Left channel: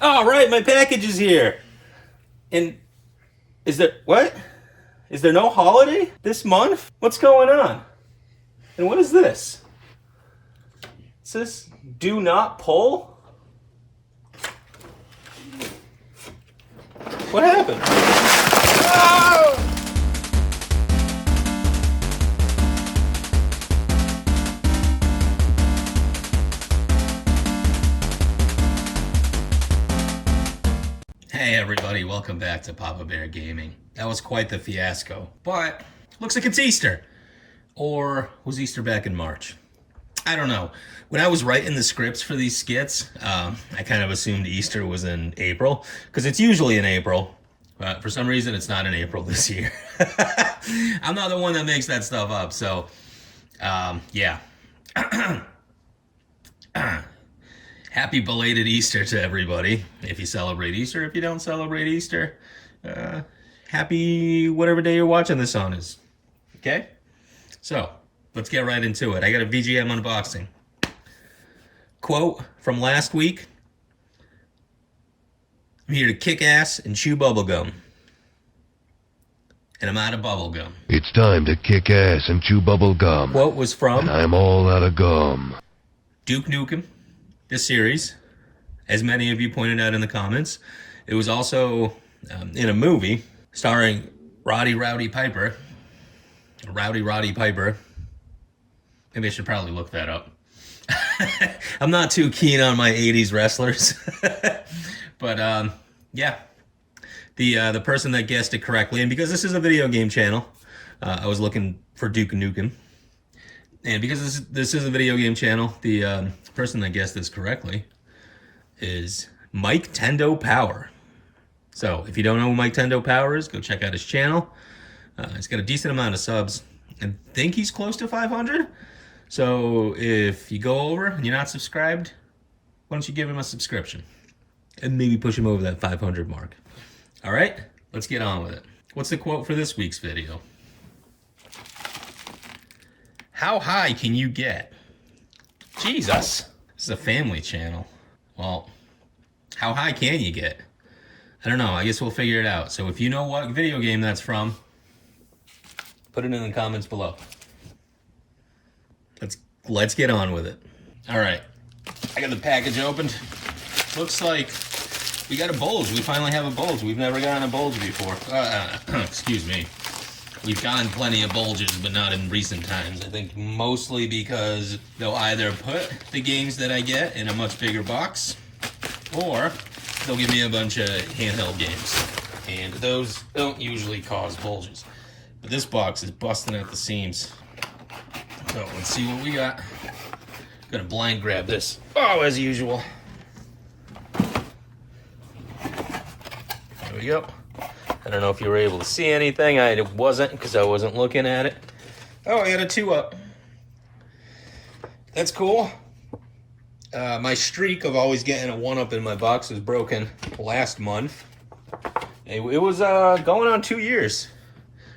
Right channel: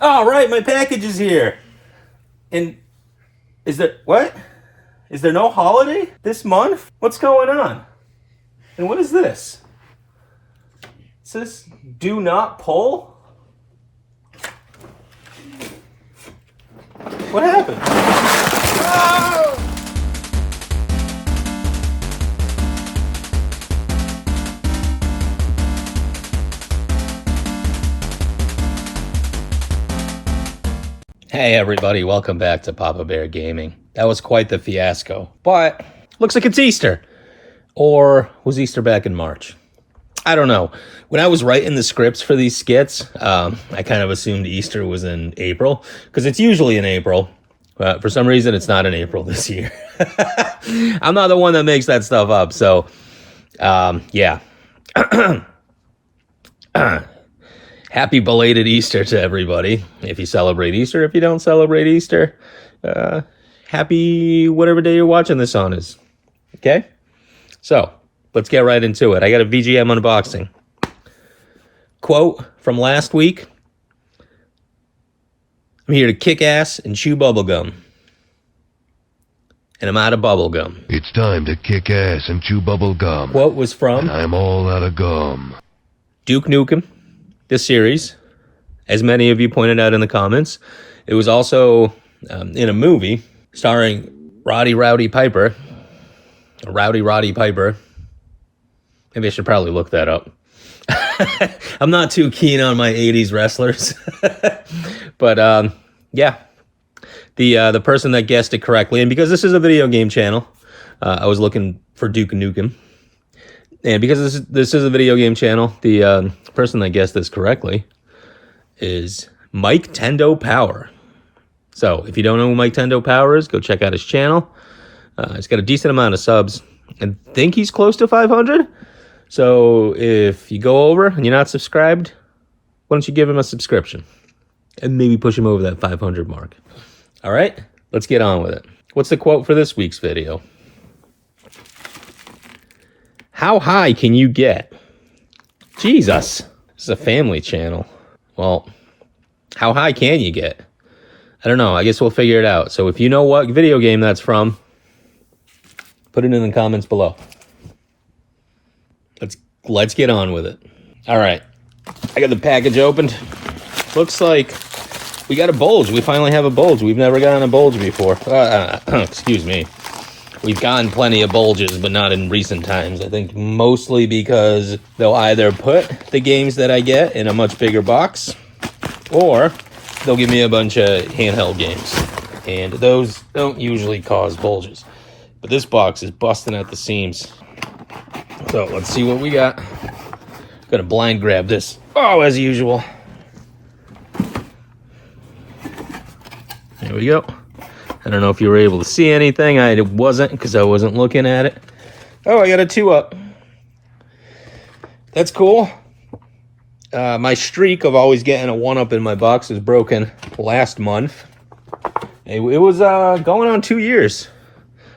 All right, my package is here. And is there what? Is there no holiday this month? What's going on? And what is this? Is this do not pull? What happened? Oh! Hey everybody, welcome back to Papa Bear Gaming. That was quite the fiasco, but looks like it's Easter. Or was Easter back in March? I don't know. When I was writing the scripts for these skits, I kind of assumed Easter was in April, because it's usually in April. But for some reason, it's not in April this year. I'm not the one that makes that stuff up, so yeah. Happy belated Easter to everybody. If you celebrate Easter, if you don't celebrate Easter, happy whatever day you're watching this on is. Okay? So, let's get right into it. I got a VGM unboxing. Quote from last week. I'm here to kick ass and chew bubblegum. And I'm out of bubblegum. It's time to kick ass and chew bubblegum. Quote was from... And I'm all out of gum. Duke Nukem. This series, as many of you pointed out in the comments, it was also in a movie starring Roddy Piper. Rowdy Piper. Maybe I should probably look that up. I'm not too keen on my 80s wrestlers. But yeah, the person that guessed it correctly, and because this is a video game channel, I was looking for Duke Nukem. And because this is a video game channel, the person that guessed this correctly is Mike Tendo Power. So if you don't know who Mike Tendo Power is, go check out his channel. He's got a decent amount of subs. I think he's close to 500. So if you go over and you're not subscribed, why don't you give him a subscription? And maybe push him over that 500 mark. All right, let's get on with it. What's the quote for this week's video? How high can you get? Jesus. This is a family channel. Well, how high can you get? I don't know. I guess we'll figure it out. So if you know what video game that's from, put it in the comments below. Let's get on with it. All right. I got the package opened. Looks like we got a bulge. We finally have a bulge. We've never gotten a bulge before. Excuse me. We've gotten plenty of bulges, but not in recent times. I think mostly because they'll either put the games that I get in a much bigger box, or they'll give me a bunch of handheld games. And those don't usually cause bulges. But this box is busting at the seams. So let's see what we got. Gonna blind grab this. Oh, as usual. Here we go. I don't know if you were able to see anything. I wasn't, because I wasn't looking at it. Oh, I got a 2-up. That's cool. My streak of always getting a 1-up in my box was broken last month. It was going on 2 years.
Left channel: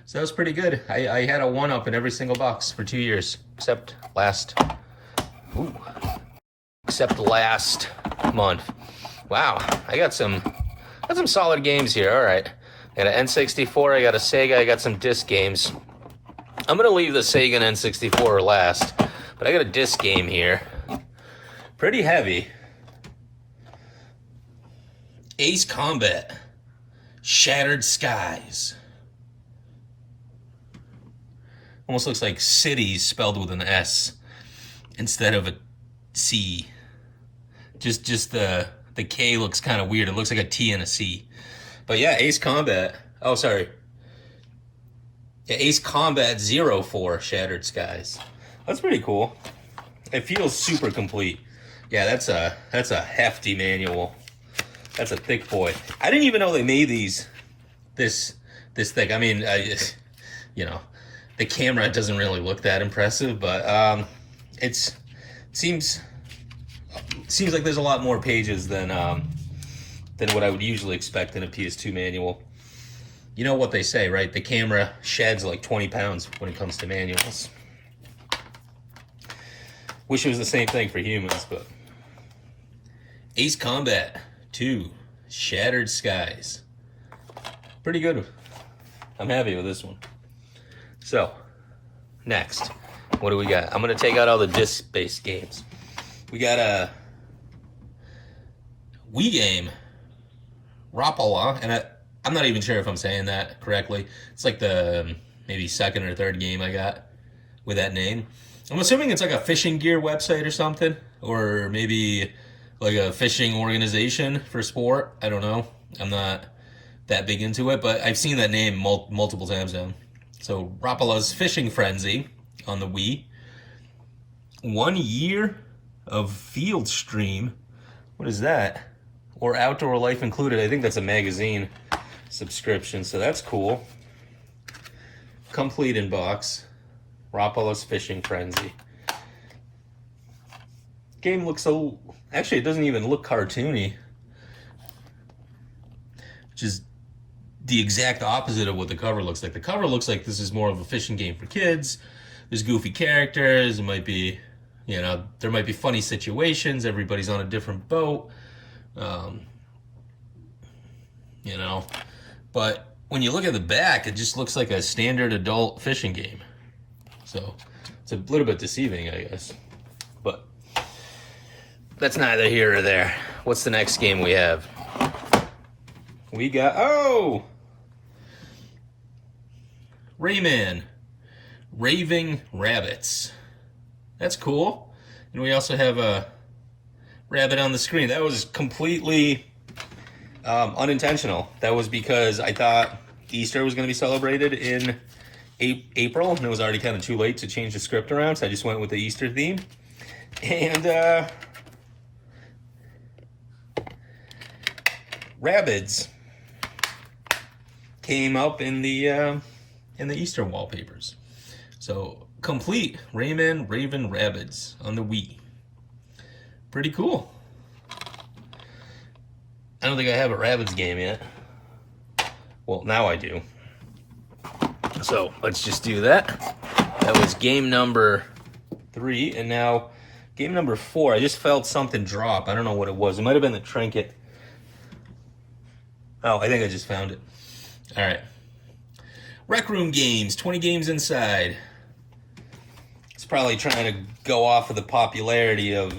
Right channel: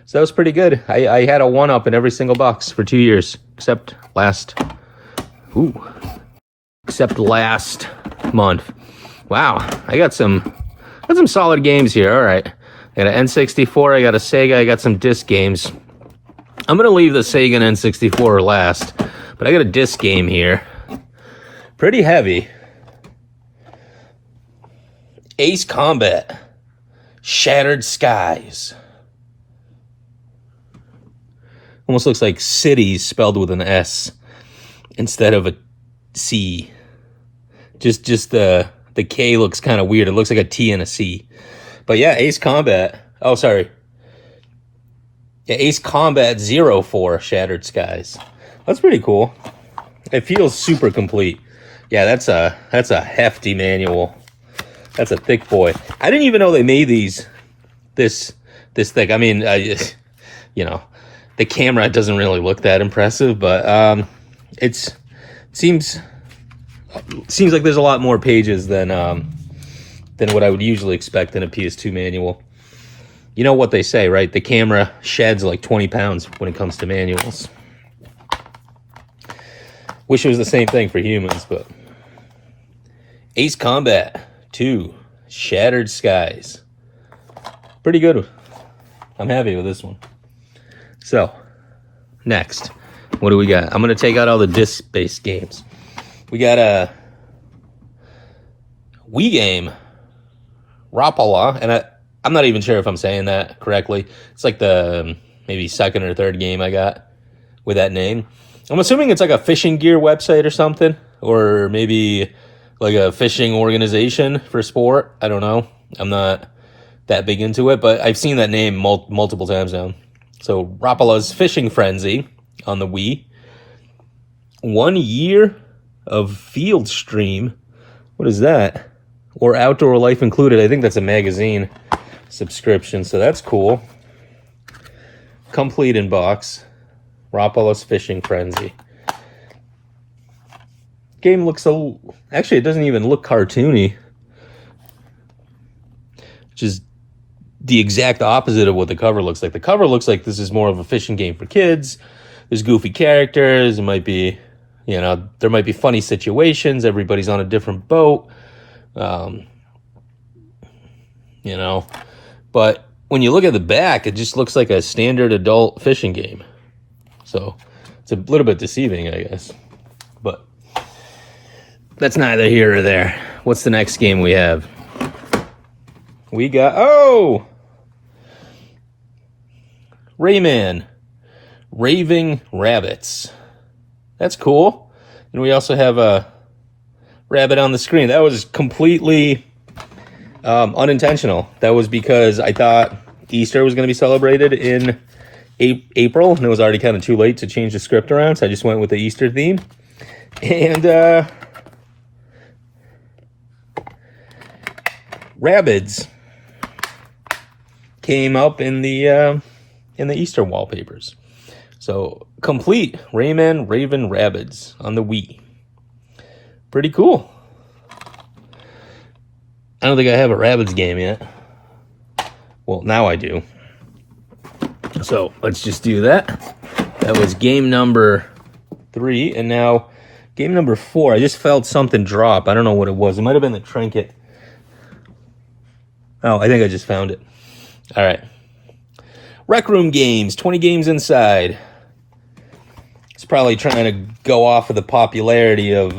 So that was pretty good. I had a 1-up in every single box for 2 years. Except last month. Wow, I got some solid games here. All right. I got an N64, I got a Sega, I got some disc games. I'm going to leave the Sega and N64 last, but I got a disc game here. Pretty heavy. Ace Combat. Shattered Skies. Almost looks like cities spelled with an S instead of a C. Just the K looks kind of weird. It looks like a T and a C. But yeah, Ace Combat. Oh, sorry. Yeah, Ace Combat 04 Shattered Skies. That's pretty cool. It feels super complete. Yeah, that's a hefty manual. That's a thick boy. I didn't even know they made these this thick. I mean, you know, the camera doesn't really look that impressive, but it seems like there's a lot more pages than what I would usually expect in a PS2 manual. You know what they say, right? The camera sheds like 20 pounds when it comes to manuals. Wish it was the same thing for humans, but... Ace Combat 2, Shattered Skies. Pretty good. I'm happy with this one. So, next, what do we got? I'm going to take out all the disc-based games. We got a Wii game, Rapala, and I'm not even sure if I'm saying that correctly. It's like the maybe second or third game I got with that name. I'm assuming it's like a fishing gear website or something, or maybe like a fishing organization for sport. I don't know. I'm not that big into it, but I've seen that name multiple times now. So Rapala's Fishing Frenzy on the Wii. 1 year of Field Stream. What is that? Or Outdoor Life Included. I think that's a magazine subscription, so that's cool. Complete in box. Rapala's Fishing Frenzy. Game looks so... Actually, it doesn't even look cartoony. Which is the exact opposite of what the cover looks like. The cover looks like this is more of a fishing game for kids. There's goofy characters. It might be, there might be funny situations. Everybody's on a different boat. But when you look at the back, it just looks like a standard adult fishing game. So it's a little bit deceiving, I guess. But that's neither here or there. What's the next game we have? We got, Rayman, Raving Rabbits. That's cool. And we also have a rabbit on the screen. That was completely unintentional. That was because I thought Easter was going to be celebrated in April, and it was already kind of too late to change the script around, so I just went with the Easter theme. And Rabbids came up in the Easter wallpapers. So complete Rayman Raven Rabbids on the Wii. Pretty cool. I don't think I have a Rabbids game yet. Well, now I do. So let's just do that. That was game number 3, and now game number 4. I just felt something drop. I don't know what it was. It might have been the Trinket. Oh, I think I just found it. All right. Rec Room games, 20 games inside. It's probably trying to go off of the popularity of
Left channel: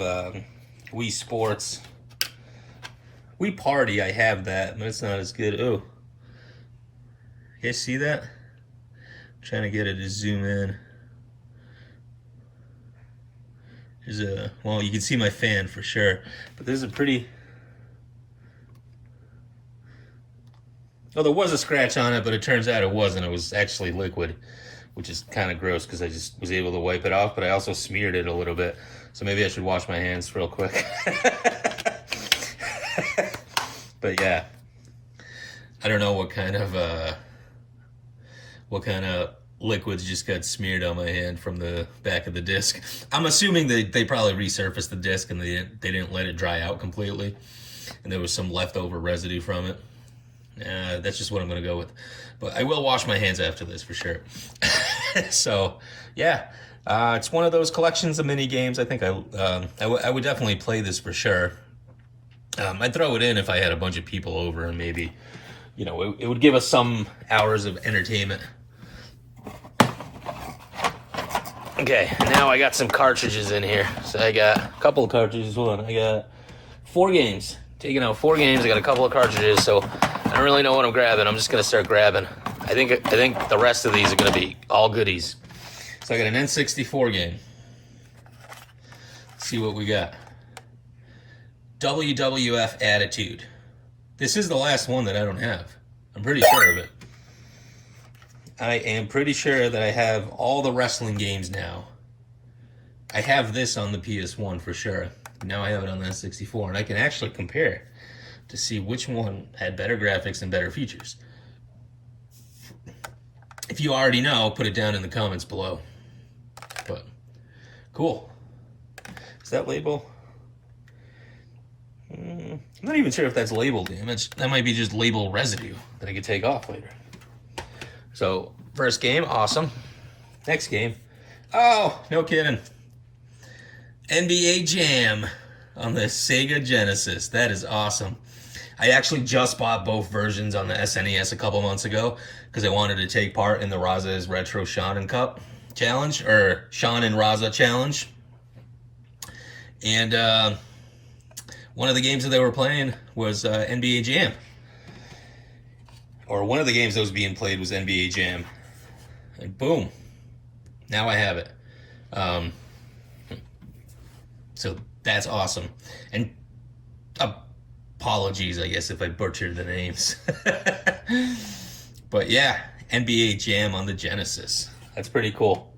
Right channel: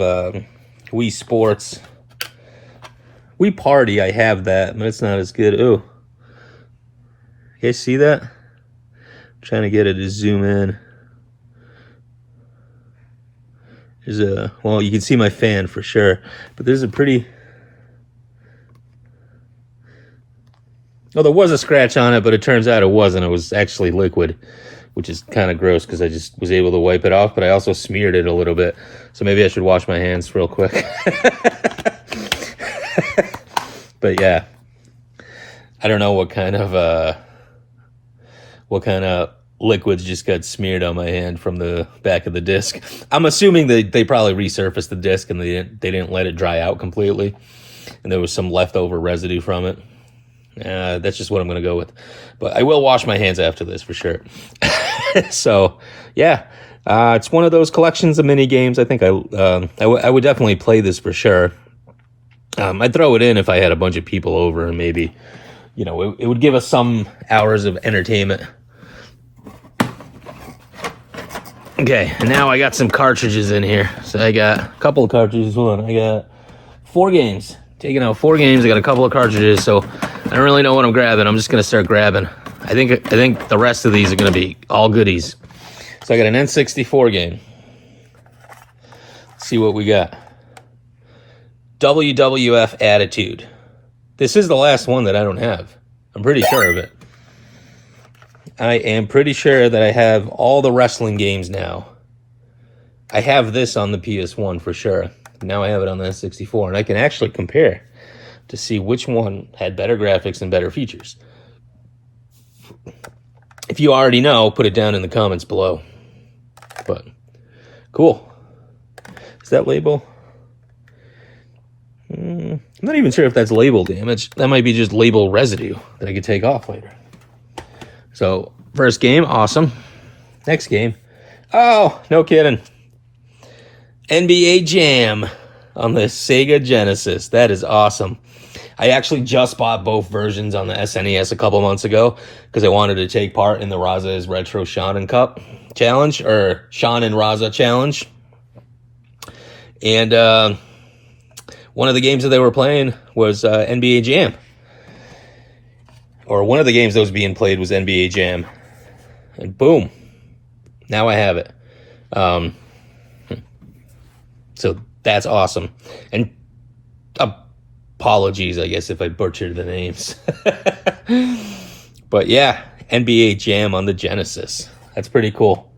Wii Sports. Wii Party, I have that, but it's not as good. Ooh. You guys see that? I'm trying to get it to zoom in. There's well, you can see my fan for sure, but there's a pretty... Well, there was a scratch on it, but it turns out it wasn't. It was actually liquid, which is kind of gross because I just was able to wipe it off, but I also smeared it a little bit. So maybe I should wash my hands real quick. But yeah, I don't know what kind of liquids just got smeared on my hand from the back of the disc. I'm assuming they probably resurfaced the disc and they didn't let it dry out completely, and there was some leftover residue from it. That's just what I'm going to go with. But I will wash my hands after this for sure. So, yeah. It's one of those collections of mini games. I think I would definitely play this for sure. I'd throw it in if I had a bunch of people over, and maybe, it would give us some hours of entertainment. Okay, and now I got some cartridges in here. So I got a couple of cartridges. I got 4 games. Taking out 4 games. I got a couple of cartridges, so I don't really know what I'm grabbing. I'm just gonna start grabbing. I think the rest of these are gonna be all goodies. So I got an N64 game. Let's see what we got. WWF Attitude. This is the last one that I don't have. I'm pretty sure of it. I am pretty sure that I have all the wrestling games now. I have this on the PS1 for sure. Now I have it on the N64, and I can actually compare to see which one had better graphics and better features. If you already know, put it down in the comments below. But, cool. Is that label? I'm not even sure if that's label damage. That might be just label residue that I could take off later. So, first game, awesome. Next game. Oh, no kidding. NBA Jam on the Sega Genesis. That is awesome. I actually just bought both versions on the SNES a couple months ago because I wanted to take part in the Raza's Retro Shonen Cup challenge, or Shonen Raza challenge. And one of the games that they were playing was NBA Jam. Or one of the games that was being played was NBA Jam. And boom, now I have it. So that's awesome. And apologies, I guess, if I butchered the names. But yeah, NBA Jam on the Genesis. That's pretty cool.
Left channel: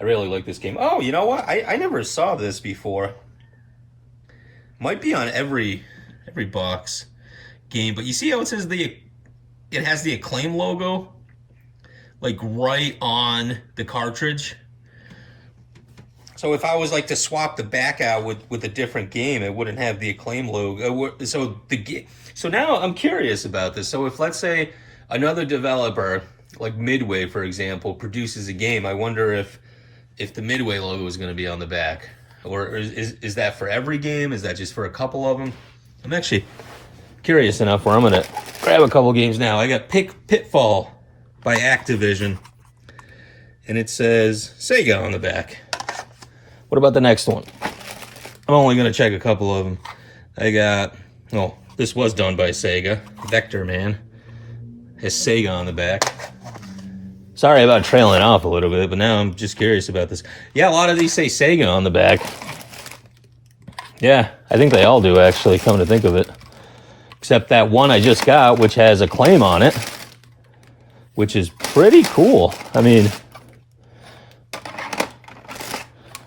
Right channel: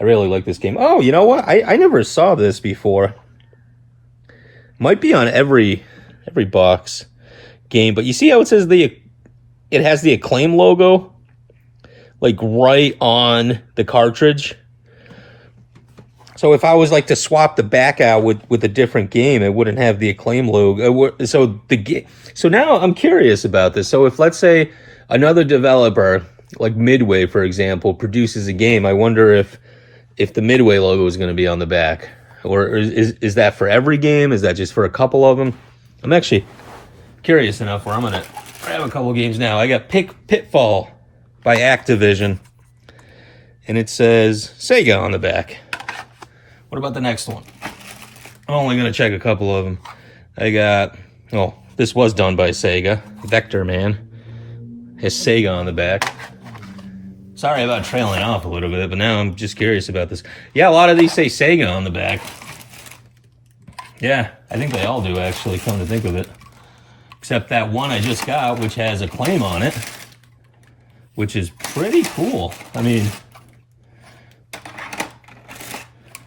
I really like this game. Oh, you know what? I never saw this before. Might be on every box game, but you see how it says it has the Acclaim logo, like right on the cartridge. So if I was like to swap the back out with a different game, it wouldn't have the Acclaim logo. So now I'm curious about this. So if, let's say, another developer, like Midway, for example, produces a game, I wonder if the Midway logo is going to be on the back. Or is that for every game? Is that just for a couple of them? I'm actually curious enough where I'm going to grab a couple games now. I got Pitfall by Activision. And it says Sega on the back. What about the next one? I'm only going to check a couple of them. I got, oh, this was done by Sega. Vector Man has Sega on the back. Sorry about trailing off a little bit, but now I'm just curious about this. Yeah, a lot of these say Sega on the back. Yeah, I think they all do, actually, come to think of it. Except that one I just got, which has Acclaim on it, which is pretty cool. I mean,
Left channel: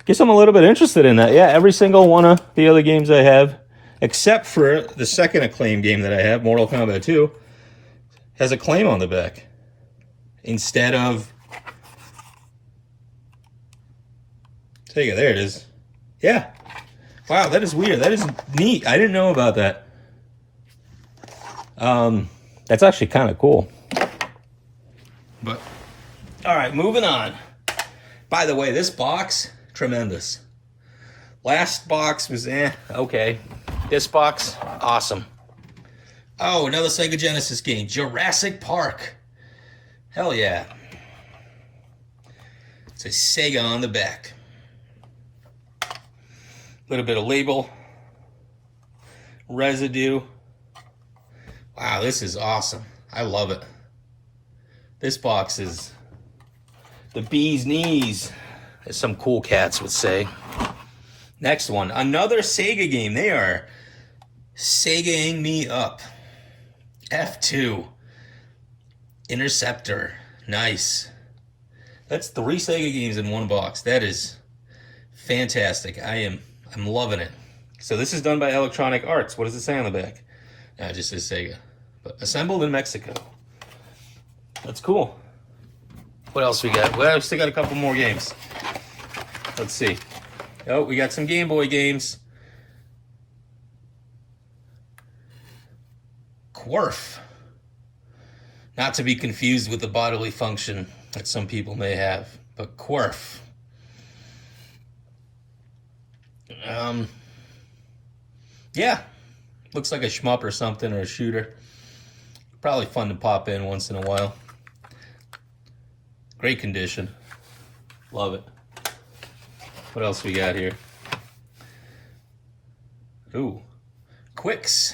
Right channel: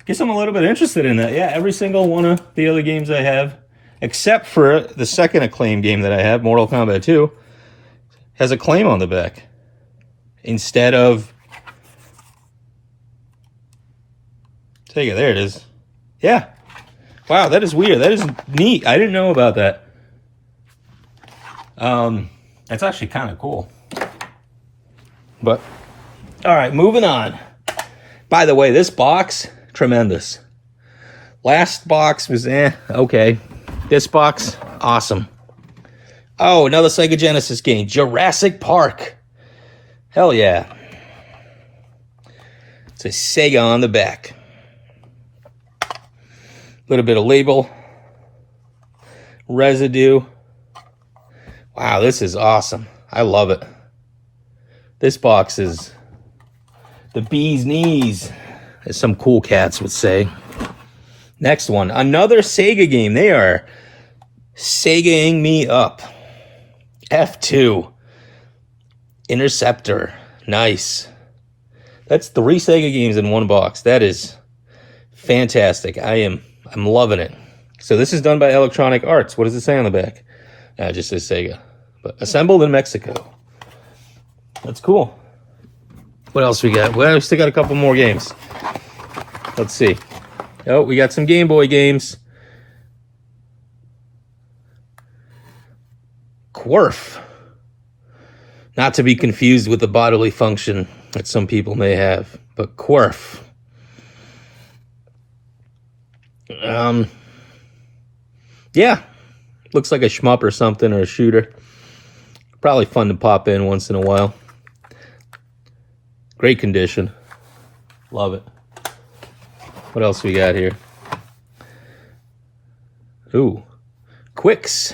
guess I'm a little bit interested in that. Yeah, every single one of the other games I have, except for the second Acclaim game that I have, Mortal Kombat 2, has Acclaim on the back. Instead of Sega, there it is. Yeah. Wow, that is weird. That is neat. I didn't know about that. That's actually kind of cool. But, all right, moving on. By the way, this box, tremendous. Last box was okay. This box, awesome. Oh, another Sega Genesis game, Jurassic Park. Hell yeah. It says Sega on the back. A little bit of label. Residue. Wow, this is awesome. I love it. This box is the bee's knees, as some cool cats would say. Next one, another Sega game. They are Segaing me up. F2. Interceptor. Nice. That's 3 Sega games in one box. That is fantastic. I'm loving it. So this is done by Electronic Arts. What does it say on the back? It just says Sega. But assembled in Mexico. That's cool. What else we got? Well, we still got a couple more games. Let's see. Oh, we got some Game Boy games. Quirf. Not to be confused with the bodily function that some people may have, but Quirf. Yeah, looks like a shmup or something, or a shooter. Probably fun to pop in once in a while. Great condition. Love it. What else we got here? Ooh, Quicks.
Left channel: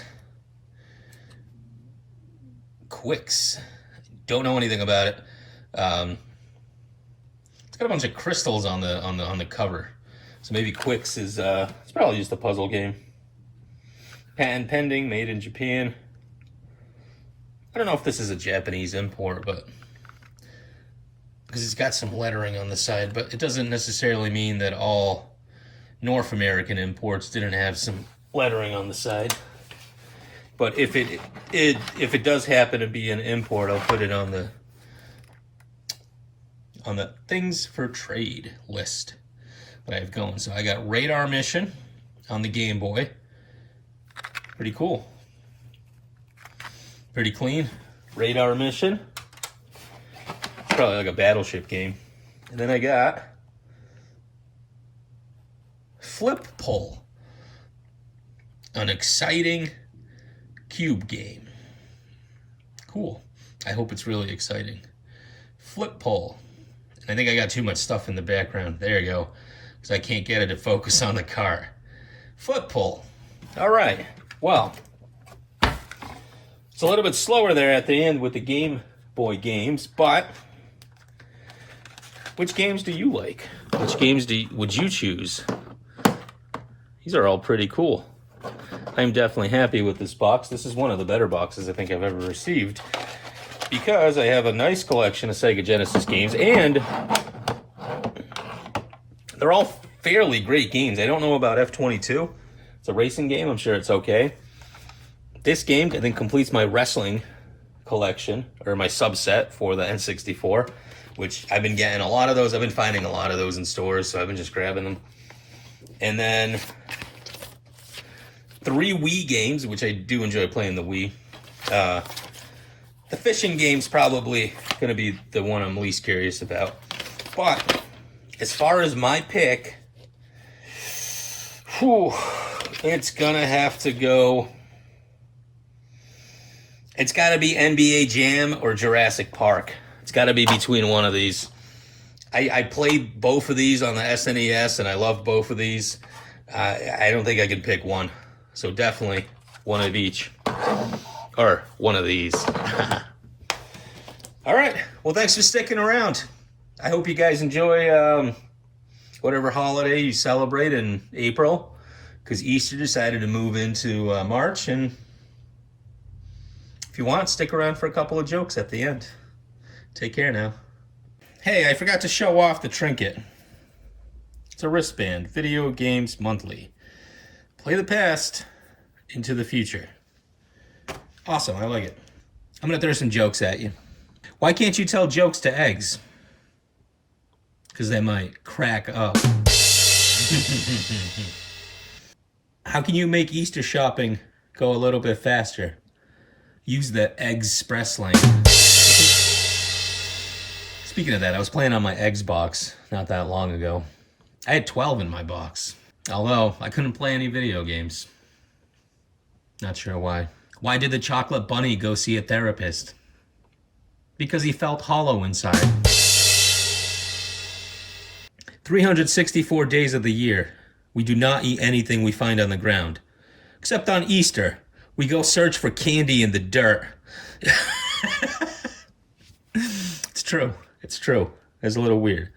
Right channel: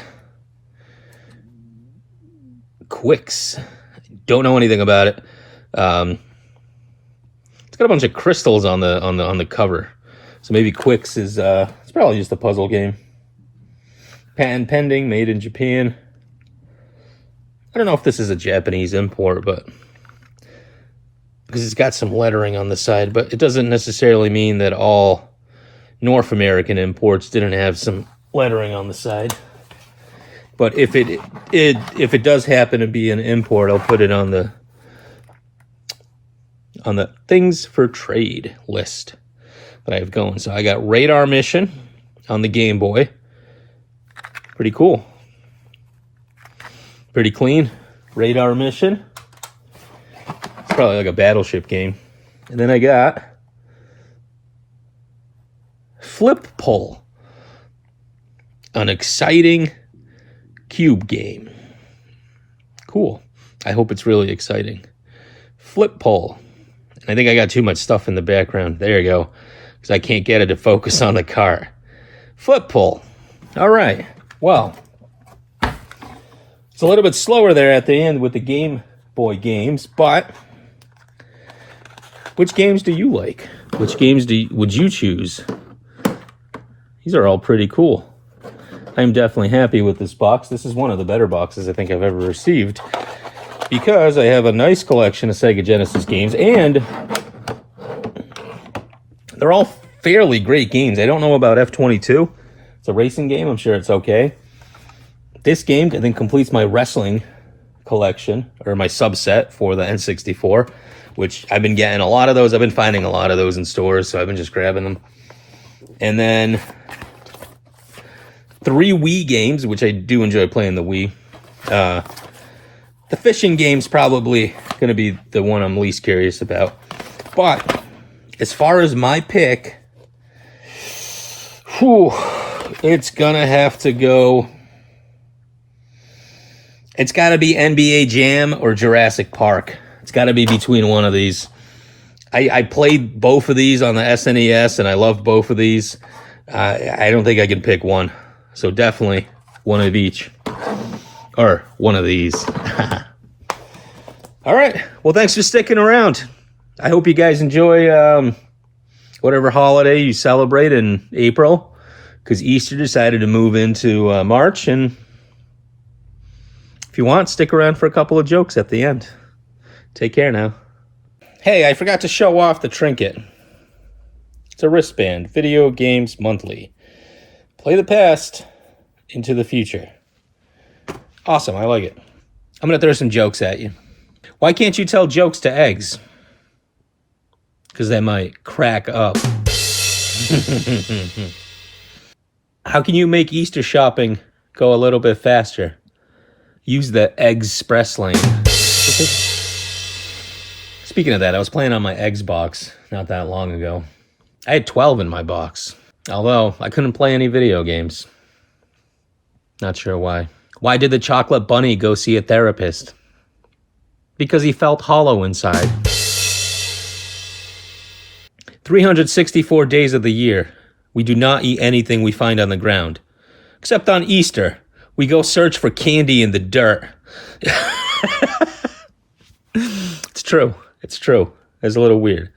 Quicks. Don't know anything about it. It's got a bunch of crystals on the cover, so maybe Quicks is it's probably just a puzzle game. Patent pending, made in Japan. I don't know if this is a Japanese import, but because it's got some lettering on the side, but it doesn't necessarily mean that all North American imports didn't have some lettering on the side. But if it does happen to be an import, I'll put it on the things for trade list that I have going. So I got Radar Mission on the Game Boy. Pretty cool. Pretty clean. Radar Mission. It's probably like a battleship game. And then I got Flip Pull. An exciting cube game. Cool. I hope it's really exciting. Flip pole. I think I got too much stuff in the background. There you go. Because I can't get it to focus on the car. Flip pole. All right. Well, it's a little bit slower there at the end with the Game Boy games, but which games do you like? Which games would you choose? These are all pretty cool. I'm definitely happy with this box. This is one of the better boxes I think I've ever received because I have a nice collection of Sega Genesis games, and they're all fairly great games. I don't know about F-22. It's a racing game. I'm sure it's okay. This game, I think, completes my wrestling collection, or my subset for the N64, which I've been getting a lot of those. I've been finding a lot of those in stores, so I've been just grabbing them. And then 3 Wii games, which I do enjoy playing the Wii. The fishing game's probably going to be the one I'm least curious about. But as far as my pick, it's going to have to go... It's got to be NBA Jam or Jurassic Park. It's got to be between one of these. I played both of these on the SNES, and I love both of these. I don't think I can pick one. So definitely one of each. Or one of these. All right. Well, thanks for sticking around. I hope you guys enjoy whatever holiday you celebrate in April, because Easter decided to move into March, and if you want, stick around for a couple of jokes at the end. Take care now. Hey, I forgot to show off the Trinket. It's a wristband. Video Games Monthly. Play the past into the future. Awesome, I like it. I'm going to throw some jokes at you. Why can't you tell jokes to eggs? Because they might crack up. How can you make Easter shopping go a little bit faster? Use the Express lane. Speaking of that, I was playing on my Eggs box not that long ago. I had 12 in my box, although I couldn't play any video games. Not sure why. Why did the chocolate bunny go see a therapist? Because he felt hollow inside. 364 days of the year, we do not eat anything we find on the ground. Except on Easter, we go search for candy in the dirt. It's true. It's true. It's a little weird.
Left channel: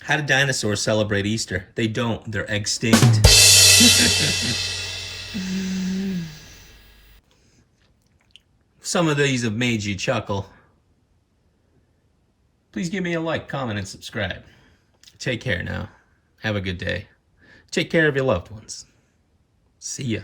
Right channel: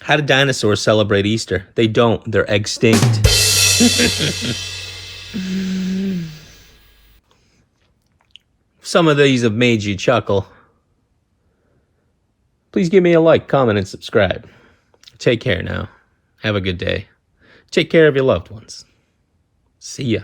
How do dinosaurs celebrate Easter? They don't. They're extinct. Some of these have made you chuckle. Please give me a like, comment, and subscribe. Take care now. Have a good day. Take care of your loved ones. See ya.